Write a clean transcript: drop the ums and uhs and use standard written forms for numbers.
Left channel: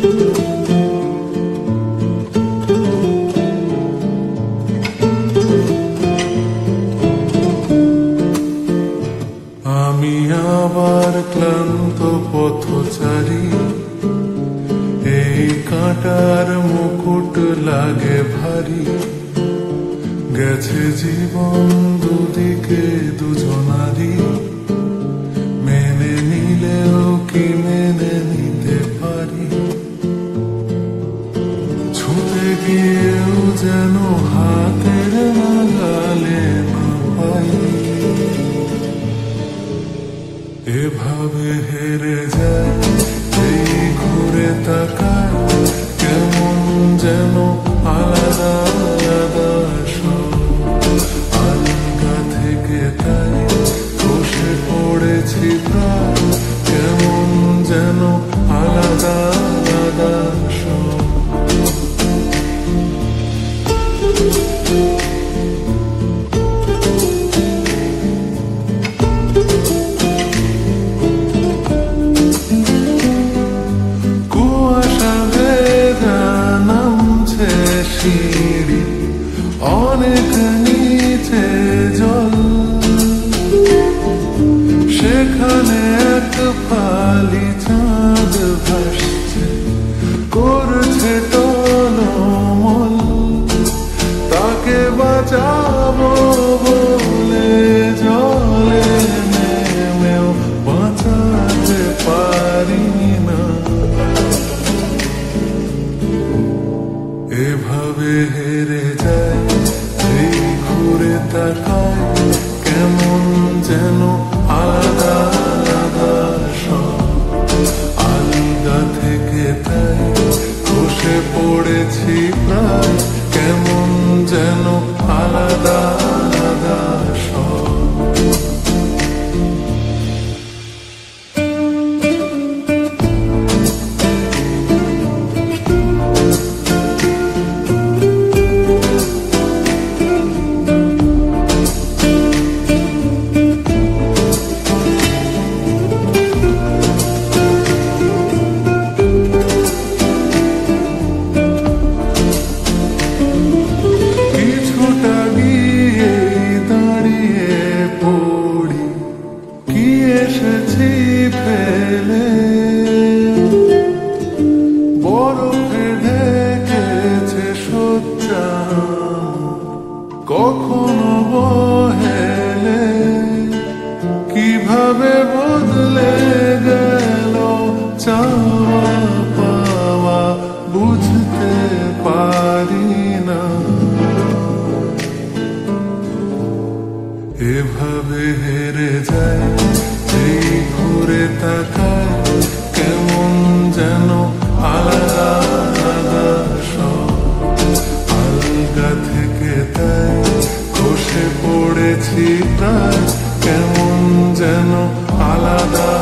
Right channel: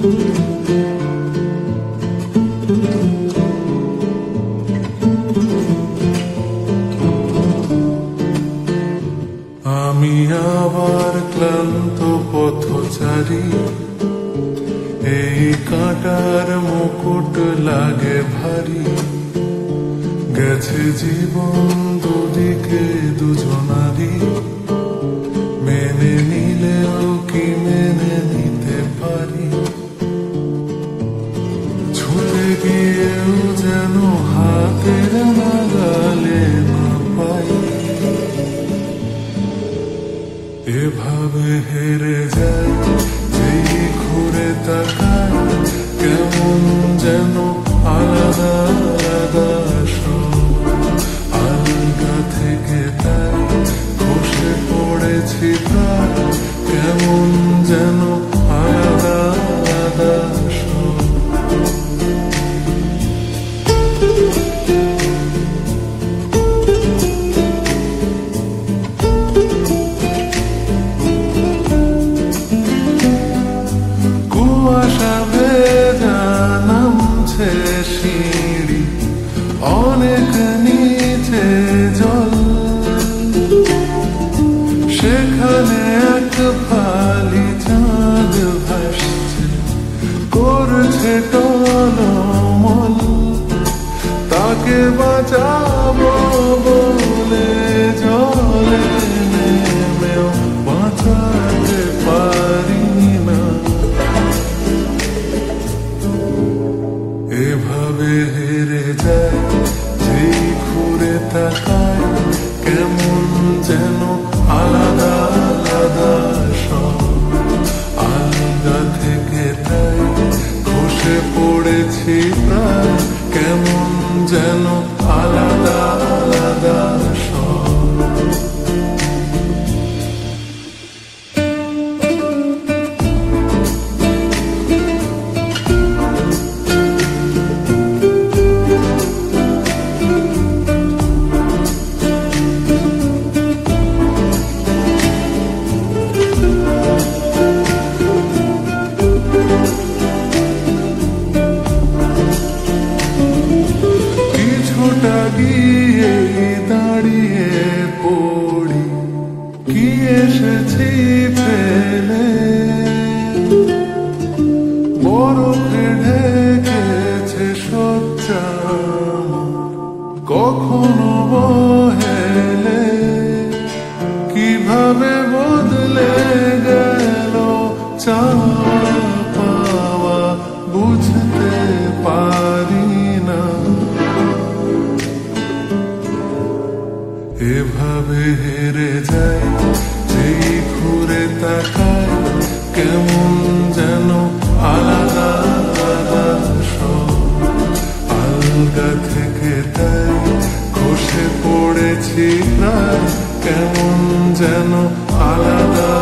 আমি আবার ক্লান্ত পথচারী, এই কাঁটার মুকুট লাগে ভারী। গেছে জীবন দুদিকে দুজনারই, মেনে নিলেও কি মেনে নিতে পারি? ছুঁতে গিয়েও যেন হাতের নাগালে না পাই। এভাবে হেরে যায় যেই ঘুরে তাকায়, কেমন যেন আলাদা আলাদা সব। আলগা থেকে তাই খসে পড়েছি প্রায়, কেমন যেন আলাদা আলাদা সব। কুয়াশা ভেজা নামছে সিঁড়ি, অনেক নিচে জল। সেখানে এক ফালি চাঁদ ভাসছে, করছে টলমল। তাকে বাঁচাবো বলে জলে নেমেও বাঁচাতে পারি না। এভাবে হেরে যায় যেই ঘুরে তাকায়, কেমন যেন আলাদা আলাদা সব। আলগা থেকে তাই খসে পড়েছি প্রায়, কেমন যেন আলাদা আলাদা সব। কিছুটা গিয়ে দাঁড়িয়ে পড়ি, কি এসেছি ফেলে। বরফে ঢেকেছে শয্যা, কখনো বহেলে। কিভাবে বদলে গেল চাওয়া পাওয়া, বুঝতে পারি না। এভাবে হেরে যায় যেই ঘুরে তাকায়, কেমন যেন আলাদা আলাদা সব। আলগা থেকে তাই খসে পড়েছি প্রায়, কেমন যেন আলাদা